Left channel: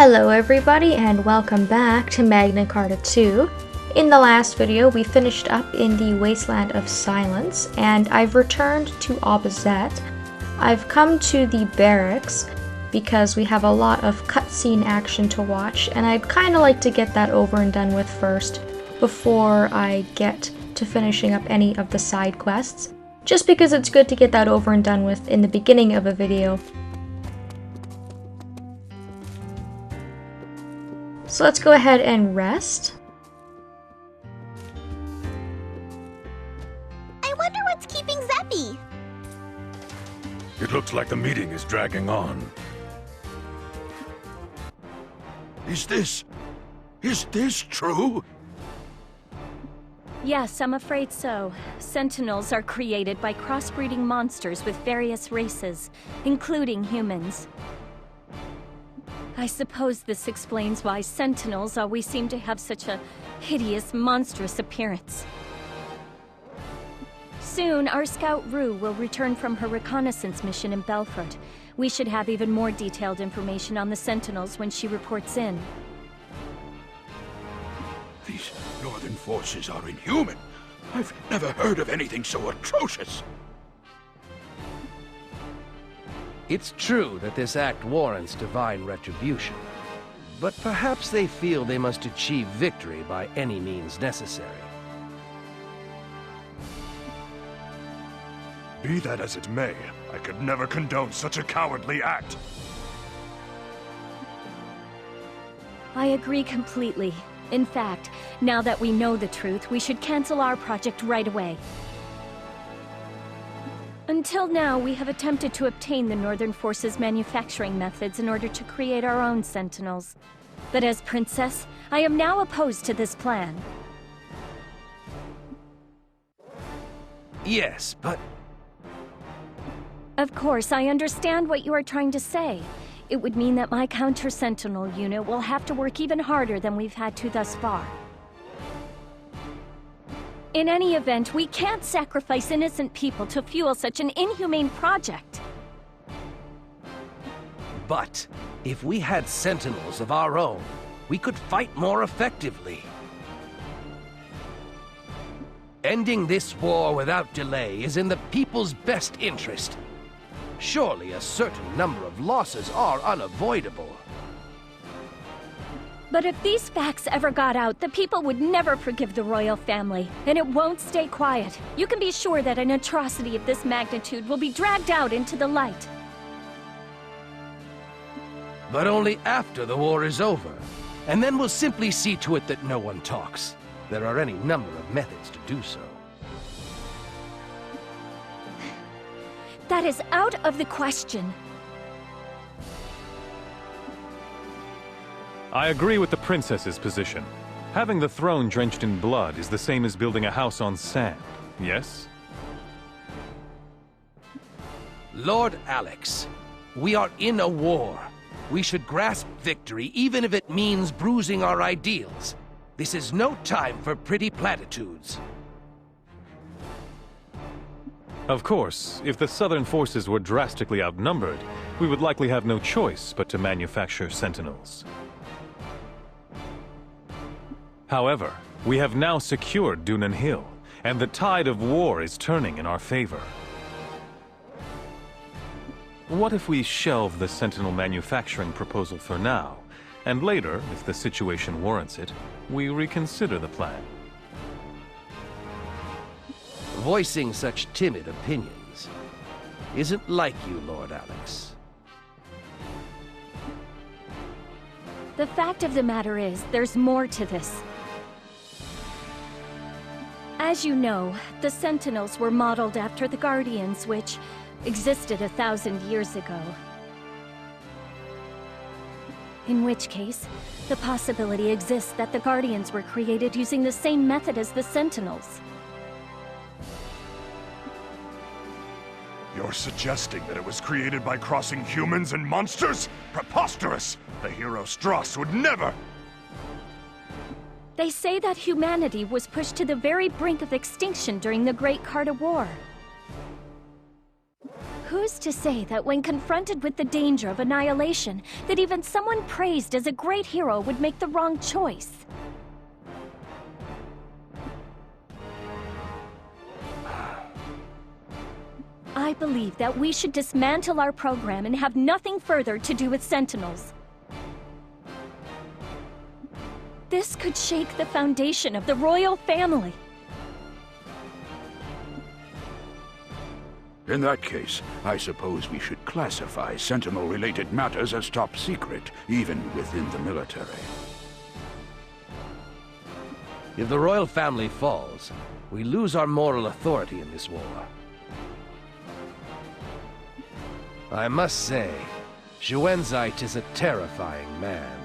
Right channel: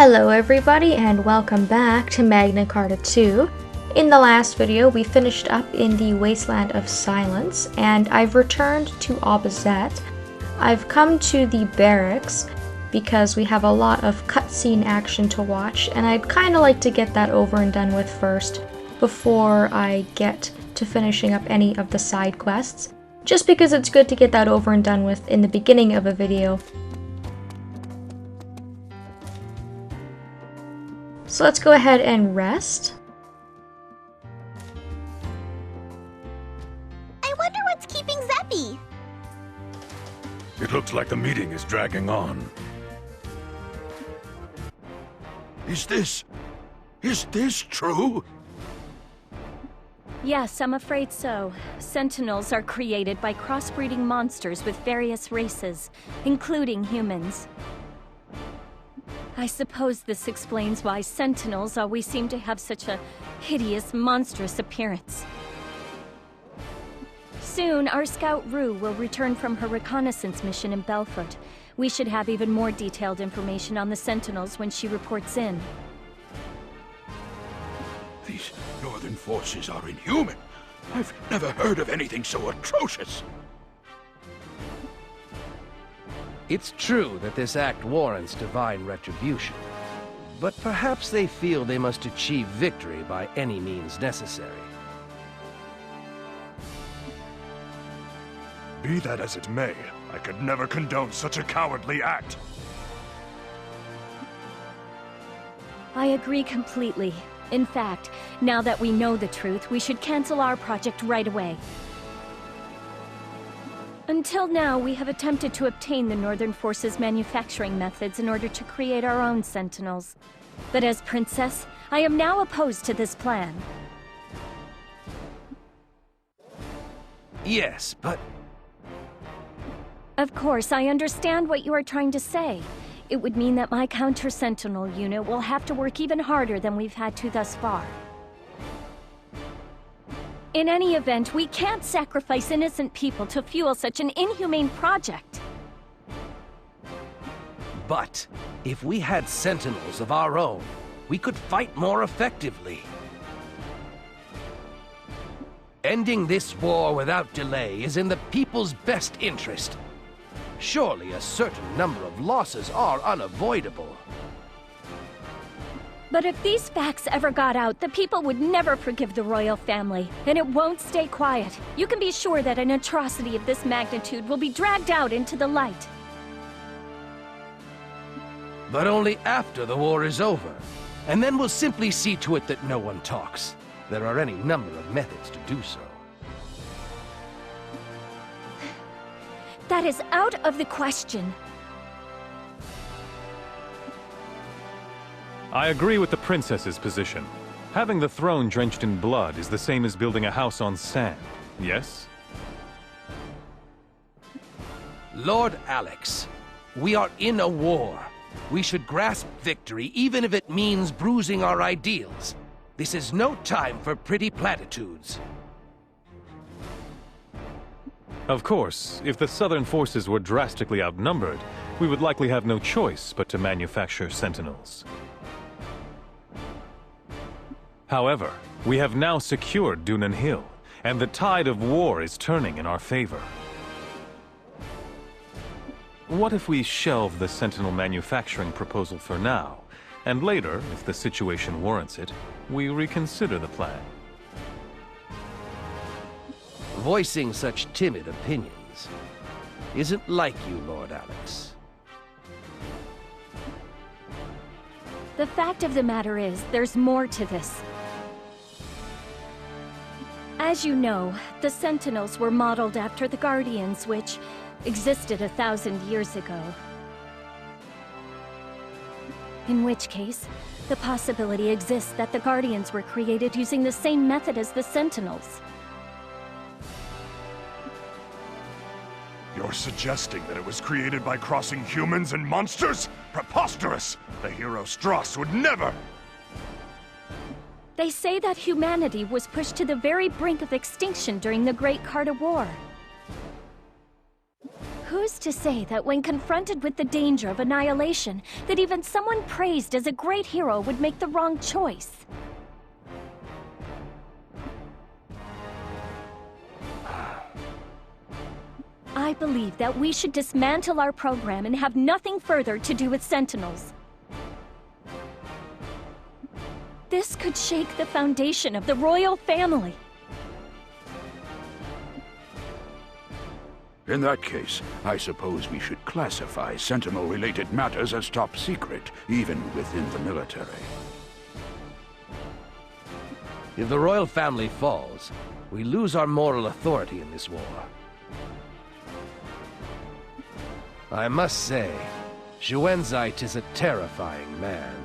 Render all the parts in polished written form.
Hello everybody and welcome back to Magna Carta 2. In the last video we finished up in the Wasteland of Silence and I've returned to Abazet. I've come to the barracks because we have a lot of cutscene action to watch and I'd kind of like to get that over and done with first before I get to finishing up any of the side quests, just because it's good to get that over and done with in the beginning of a video. So let's go ahead and rest. I wonder what's keeping Zephie. It looks like the meeting is dragging on. Is this true? Yes, I'm afraid so. Sentinels are created by crossbreeding monsters with various races, including humans. I suppose this explains why Sentinels always seem to have such a hideous, monstrous appearance. Soon, our scout Raud will return from her reconnaissance mission in Belfort. We should have even more detailed information on the Sentinels when she reports in. These northern forces are inhuman. I've never heard of anything so atrocious. It's true that this act warrants divine retribution, but perhaps they feel they must achieve victory by any means necessary. Be that as it may, I could never condone such a cowardly act. I agree completely. In fact, now that we know the truth, we should cancel our project right away. Until now, we have attempted to obtain the Northern Forces' manufacturing methods in order to create our own Sentinels. But as Princess, I am now opposed to this plan. Yes, but... Of course, I understand what you are trying to say. It would mean that my counter-Sentinel unit will have to work even harder than we've had to thus far. In any event, we can't sacrifice innocent people to fuel such an inhumane project. But, if we had Sentinels of our own, we could fight more effectively. Ending this war without delay is in the people's best interest. Surely a certain number of losses are unavoidable. But if these facts ever got out, the people would never forgive the royal family, and it won't stay quiet. You can be sure that an atrocity of this magnitude will be dragged out into the light. But only after the war is over, and then we'll simply see to it that no one talks. There are any number of methods to do so. That is out of the question. I agree with the princess's position. Having the throne drenched in blood is the same as building a house on sand, yes? Lord Alex, we are in a war. We should grasp victory even if it means bruising our ideals. This is no time for pretty platitudes. Of course, if the southern forces were drastically outnumbered, we would likely have no choice but to manufacture Sentinels. However, we have now secured Dunan Hill, and the tide of war is turning in our favor. What if we shelve the Sentinel manufacturing proposal for now, and later, if the situation warrants it, we reconsider the plan? Voicing such timid opinions isn't like you, Lord Alex. The fact of the matter is, there's more to this. As you know, the Sentinels were modeled after the Guardians, which existed 1,000 years ago. In which case, the possibility exists that the Guardians were created using the same method as the Sentinels. You're suggesting that it was created by crossing humans and monsters? Preposterous! The hero Strauss would never! They say that humanity was pushed to the very brink of extinction during the Great Carta War. Who's to say that when confronted with the danger of annihilation, that even someone praised as a great hero would make the wrong choice? I believe that we should dismantle our program and have nothing further to do with Sentinels. This could shake the foundation of the royal family. In that case, I suppose we should classify Sentinel-related matters as top secret, even within the military. If the royal family falls, we lose our moral authority in this war. I must say, Xuanzite is a terrifying man.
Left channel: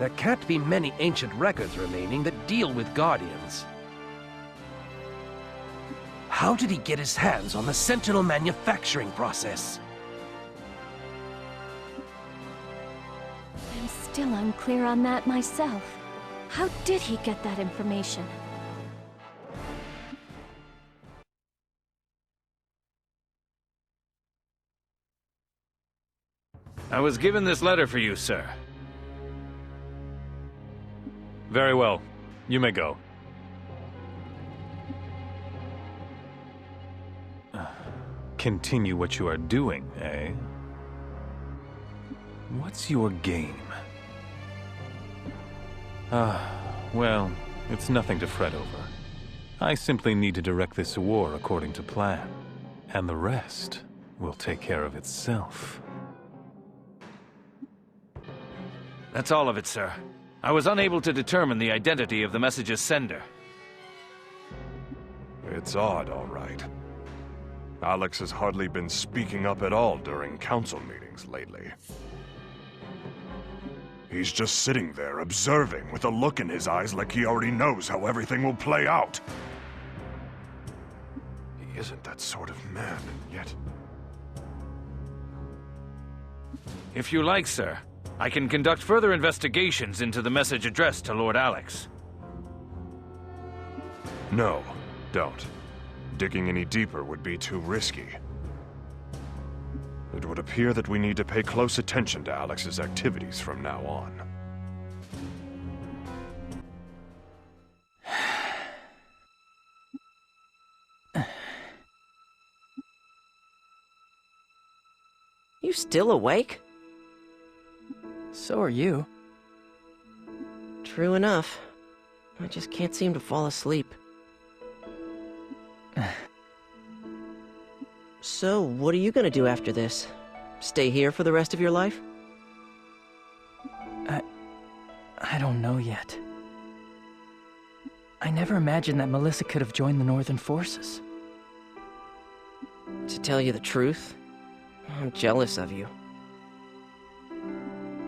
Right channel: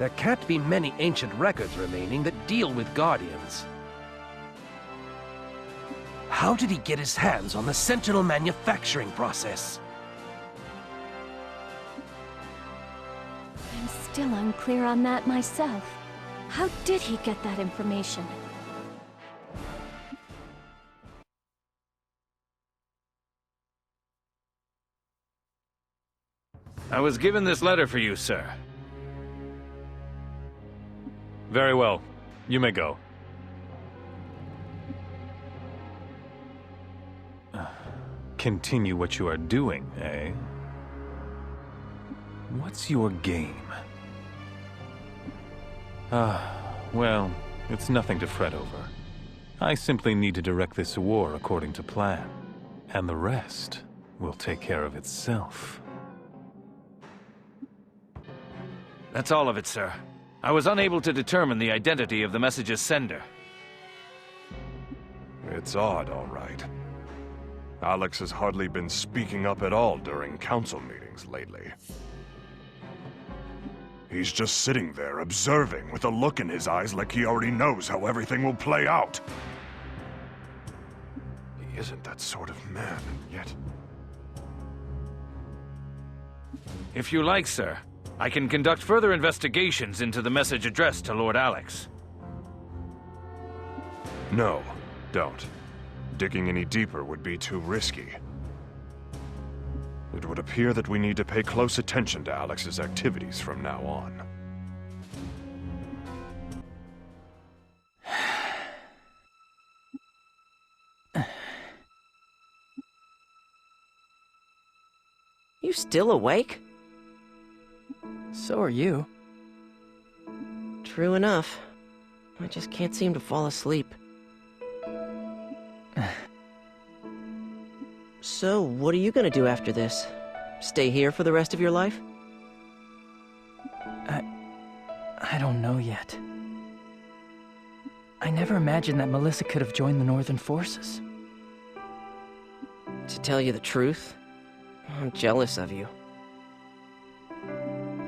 There can't be many ancient records remaining that deal with Guardians. How did he get his hands on the Sentinel manufacturing process? I'm still unclear on that myself. How did he get that information? I was given this letter for you, sir. Very well. You may go. Continue what you are doing, eh? What's your game? Well, it's nothing to fret over. I simply need to direct this war according to plan, and the rest will take care of itself. That's all of it, sir. I was unable to determine the identity of the message's sender. It's odd, all right. Alex has hardly been speaking up at all during council meetings lately. He's just sitting there, observing, with a look in his eyes like he already knows how everything will play out. He isn't that sort of man, and yet... If you like, sir, I can conduct further investigations into the message addressed to Lord Alex. No, don't. Digging any deeper would be too risky. It would appear that we need to pay close attention to Alex's activities from now on. You still awake? So are you. True enough. I just can't seem to fall asleep. So, what are you gonna do after this? Stay here for the rest of your life? I don't know yet. I never imagined that Melissa could have joined the Northern Forces. To tell you the truth, I'm jealous of you.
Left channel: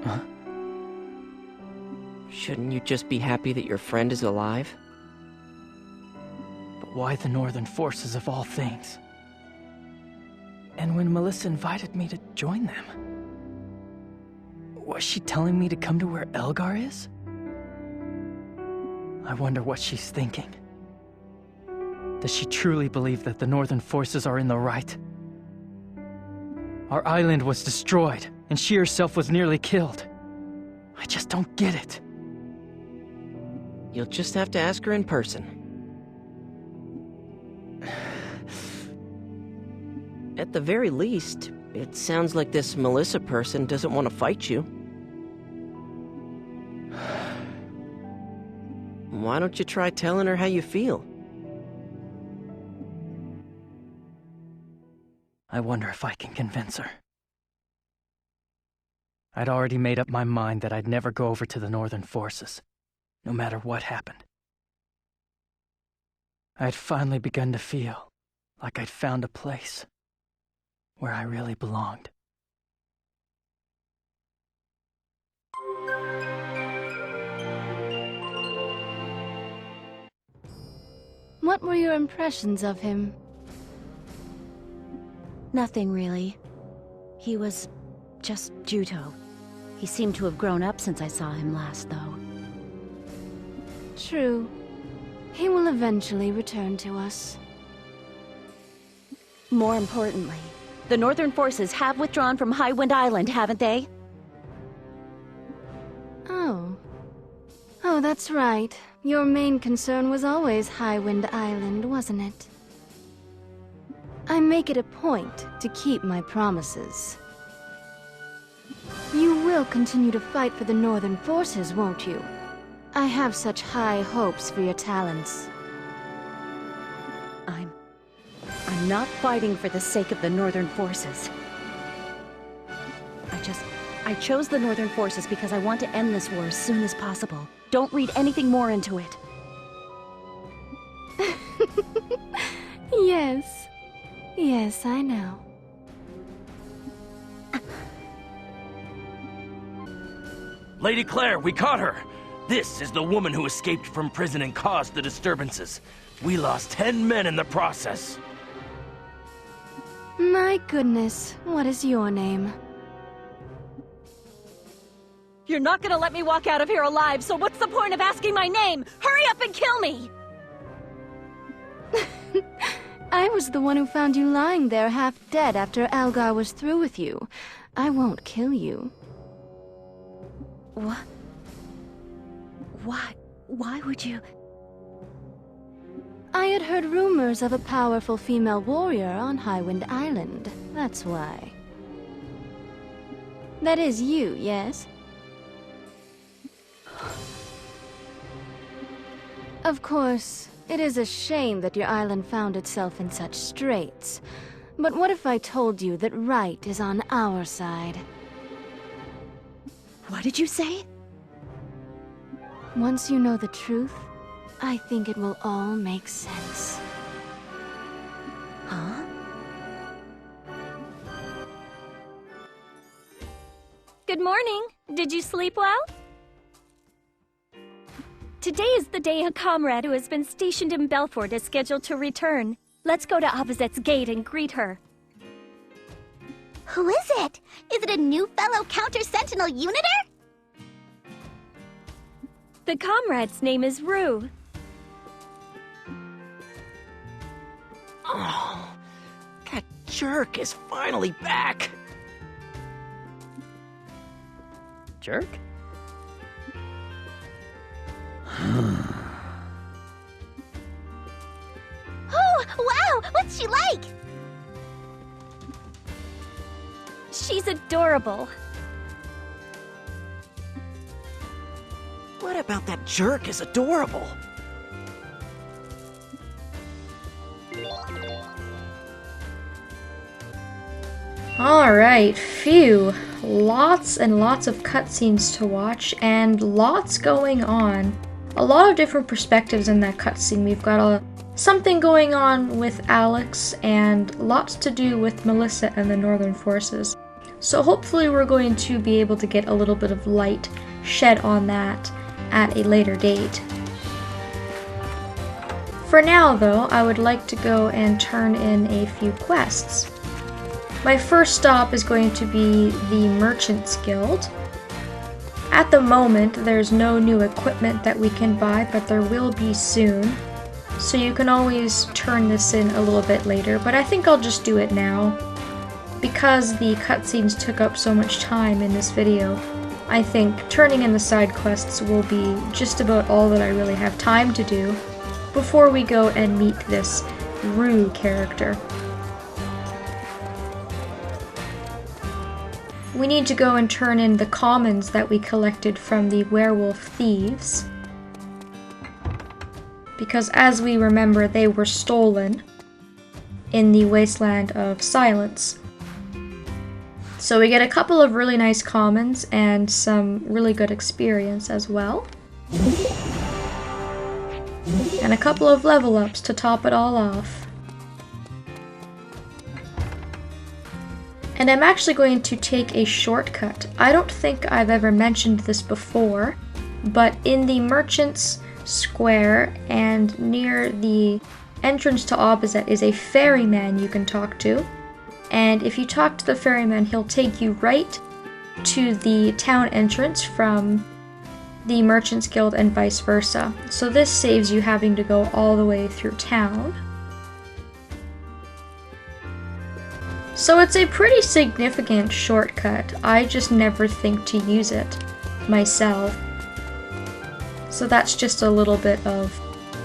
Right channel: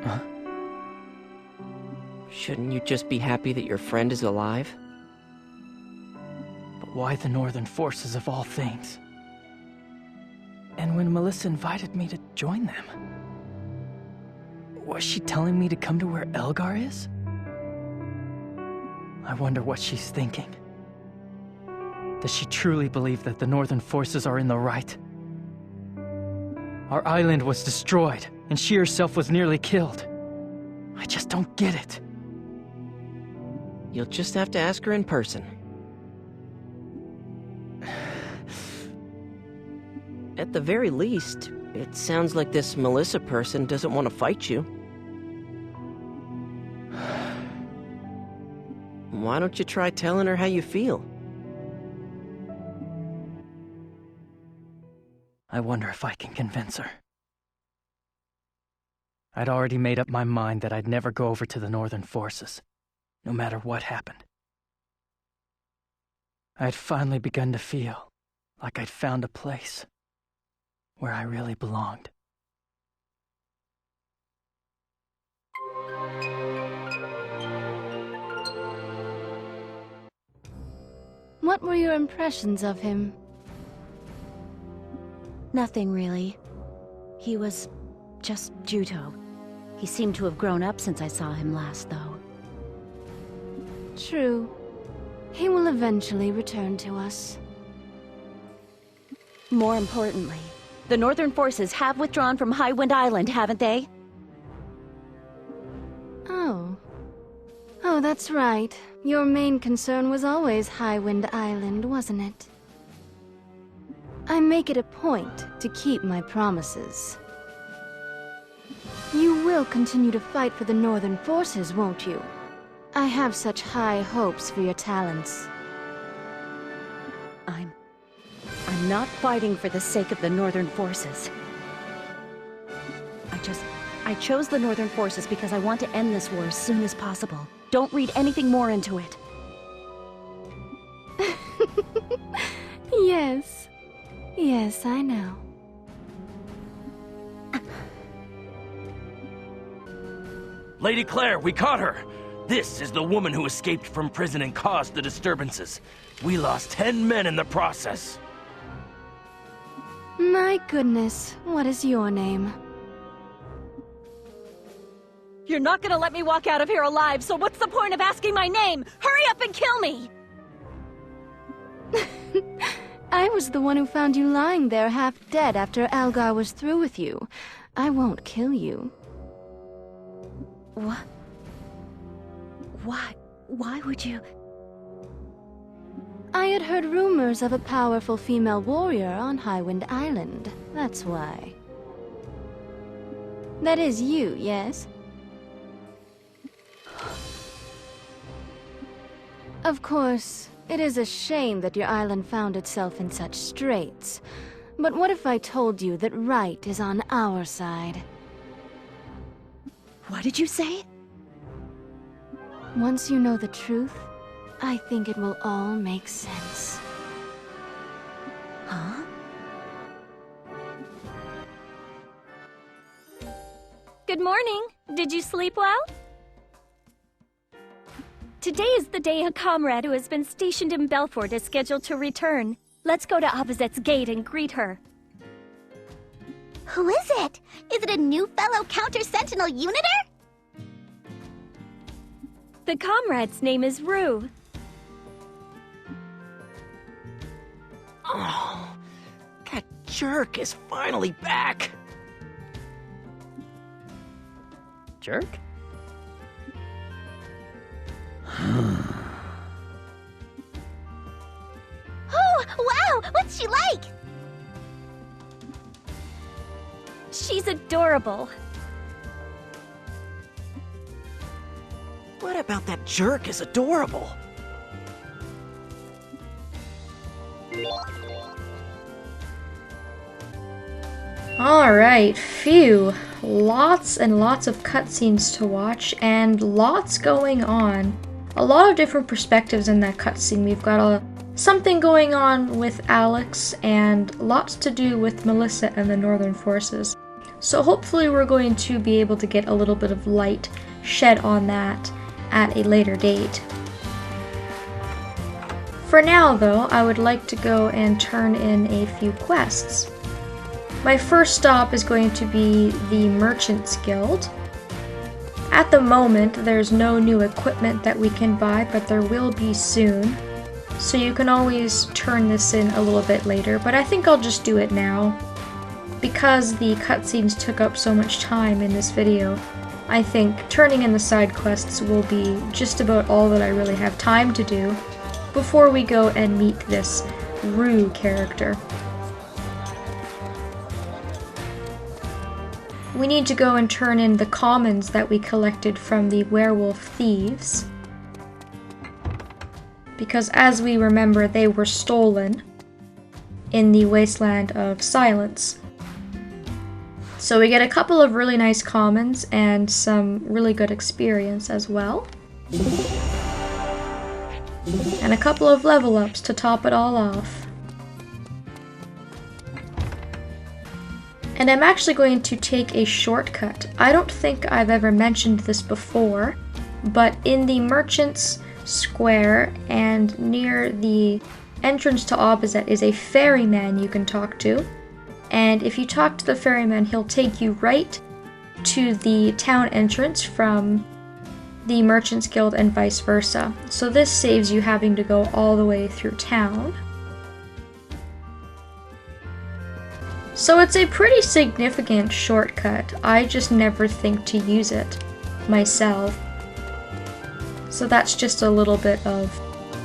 Huh? Shouldn't you just be happy that your friend is alive? But why the Northern Forces of all things? And when Melissa invited me to join them, was she telling me to come to where Elgar is? I wonder what she's thinking. Does she truly believe that the Northern Forces are in the right? Our island was destroyed, and she herself was nearly killed. I just don't get it. You'll just have to ask her in person. At the very least, it sounds like this Melissa person doesn't want to fight you. Why don't you try telling her how you feel? I wonder if I can convince her. I'd already made up my mind that I'd never go over to the Northern Forces, no matter what happened. I'd finally begun to feel like I'd found a place where I really belonged. What were your impressions of him? Nothing really. He was just Juto. He seemed to have grown up since I saw him last, though. True. He will eventually return to us. More importantly, the Northern forces have withdrawn from Highwind Island, haven't they? Oh. Oh, that's right. Your main concern was always Highwind Island, wasn't it? I make it a point to keep my promises. You will continue to fight for the Northern forces, won't you? I have such high hopes for your talents. I'm not fighting for the sake of the Northern forces. I chose the Northern forces because I want to end this war as soon as possible. Don't read anything more into it. Yes. Yes, I know. Lady Claire, we caught her! This is the woman who escaped from prison and caused the disturbances. We lost 10 men in the process. My goodness, what is your name? You're not gonna let me walk out of here alive, so what's the point of asking my name? Hurry up and kill me! I was the one who found you lying there half dead after Algar was through with you. I won't kill you. What? Why would you? I had heard rumors of a powerful female warrior on Highwind Island. That's why. That is you, yes? Of course, it is a shame that your island found itself in such straits. But what if I told you that right is on our side? What did you say? Once you know the truth, I think it will all make sense. Huh? Good morning. Did you sleep well? Today is the day a comrade who has been stationed in Belfort is scheduled to return. Let's go to Abazet's gate and greet her. Who is it? Is it a new fellow counter-sentinel uniter? The comrade's name is Raud. Oh, that jerk is finally back. Jerk? Oh, wow! What's she like? She's adorable. What about that jerk is adorable? Alright, phew. Lots and lots of cutscenes to watch, and lots going on. A lot of different perspectives in that cutscene. We've got something going on with Alex, and lots to do with Melissa and the Northern forces. So hopefully we're going to be able to get a little bit of light shed on that at a later date. For now, though, I would like to go and turn in a few quests. My first stop is going to be the Merchants Guild. At the moment, there's no new equipment that we can buy, but there will be soon. So you can always turn this in a little bit later, but I think I'll just do it now. Because the cutscenes took up so much time in this video, I think turning in the side quests will be just about all that I really have time to do before we go and meet this Rue character. We need to go and turn in the commons that we collected from the werewolf thieves, because as we remember, they were stolen in the Wasteland of Silence. So we get a couple of really nice commons and some really good experience as well. And a couple of level ups to top it all off. And I'm actually going to take a shortcut. I don't think I've ever mentioned this before, but in the Merchants Square and near the entrance to Abazet is a ferryman you can talk to. And if you talk to the ferryman, he'll take you right to the town entrance from the Merchants Guild and vice versa. So this saves you having to go all the way through town. So it's a pretty significant shortcut. I just never think to use it myself. So that's just a little bit of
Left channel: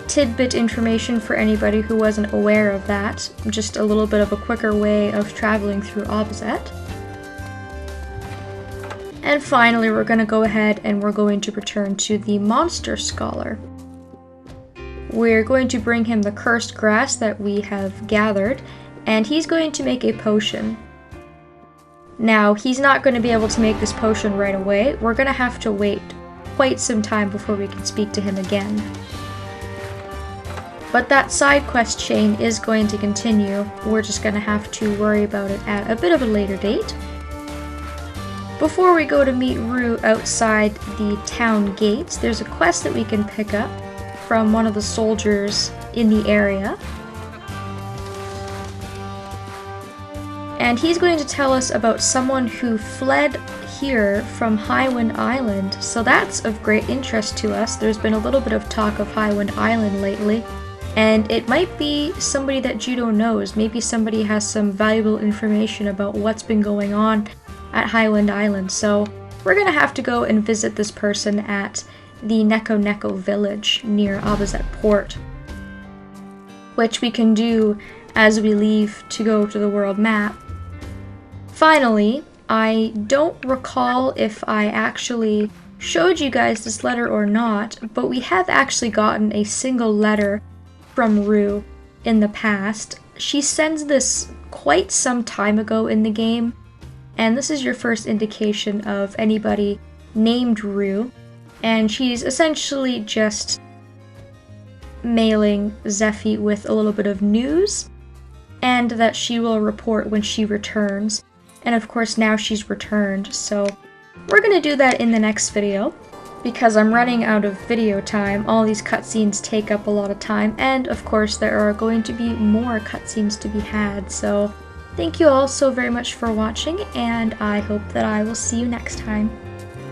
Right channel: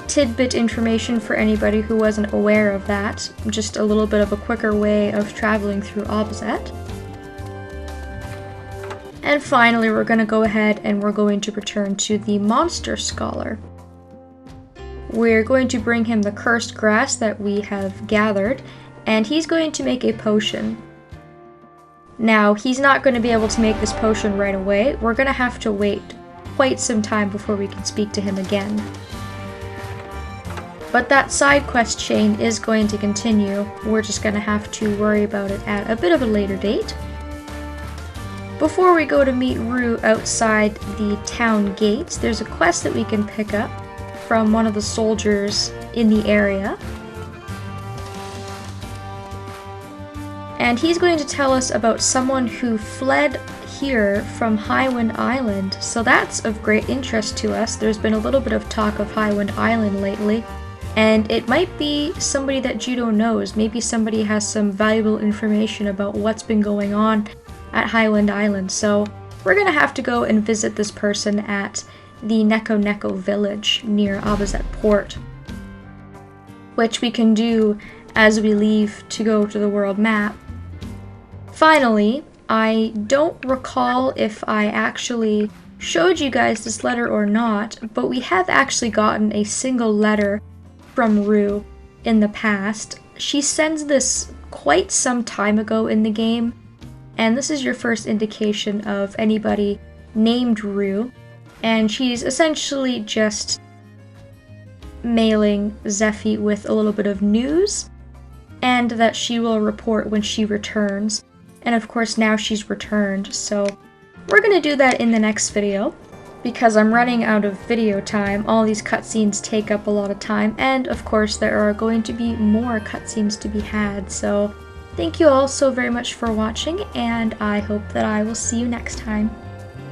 tidbit information for anybody who wasn't aware of that. Just a little bit of a quicker way of traveling through Abazet. And finally, we're going to go ahead and we're going to return to the Monster Scholar. We're going to bring him the cursed grass that we have gathered, and he's going to make a potion. Now, he's not going to be able to make this potion right away. We're going to have to wait quite some time before we can speak to him again. But that side quest chain is going to continue. We're just going to have to worry about it at a bit of a later date. Before we go to meet Raud outside the town gates, there's a quest that we can pick up from one of the soldiers in the area. And he's going to tell us about someone who fled here from Highwind Island, so that's of great interest to us. There's been a little bit of talk of Highwind Island lately, and it might be somebody that Juto knows. Maybe somebody has some valuable information about what's been going on at Highwind Island, so we're gonna have to go and visit this person at the Neko village near Abazet port, which we can do as we leave to go to the world map. Finally, I don't recall if I actually showed you guys this letter or not, but we have actually gotten a single letter from Raud in the past. She sends this quite some time ago in the game, and this is your first indication of anybody named Raud, and she's essentially just mailing Zephie with a little bit of news, and that she will report when she returns. And of course now she's returned, so we're gonna do that in the next video. Because I'm running out of video time, all these cutscenes take up a lot of time, and of course there are going to be more cutscenes to be had, so thank you all so very much for watching, and I hope that I will see you next time.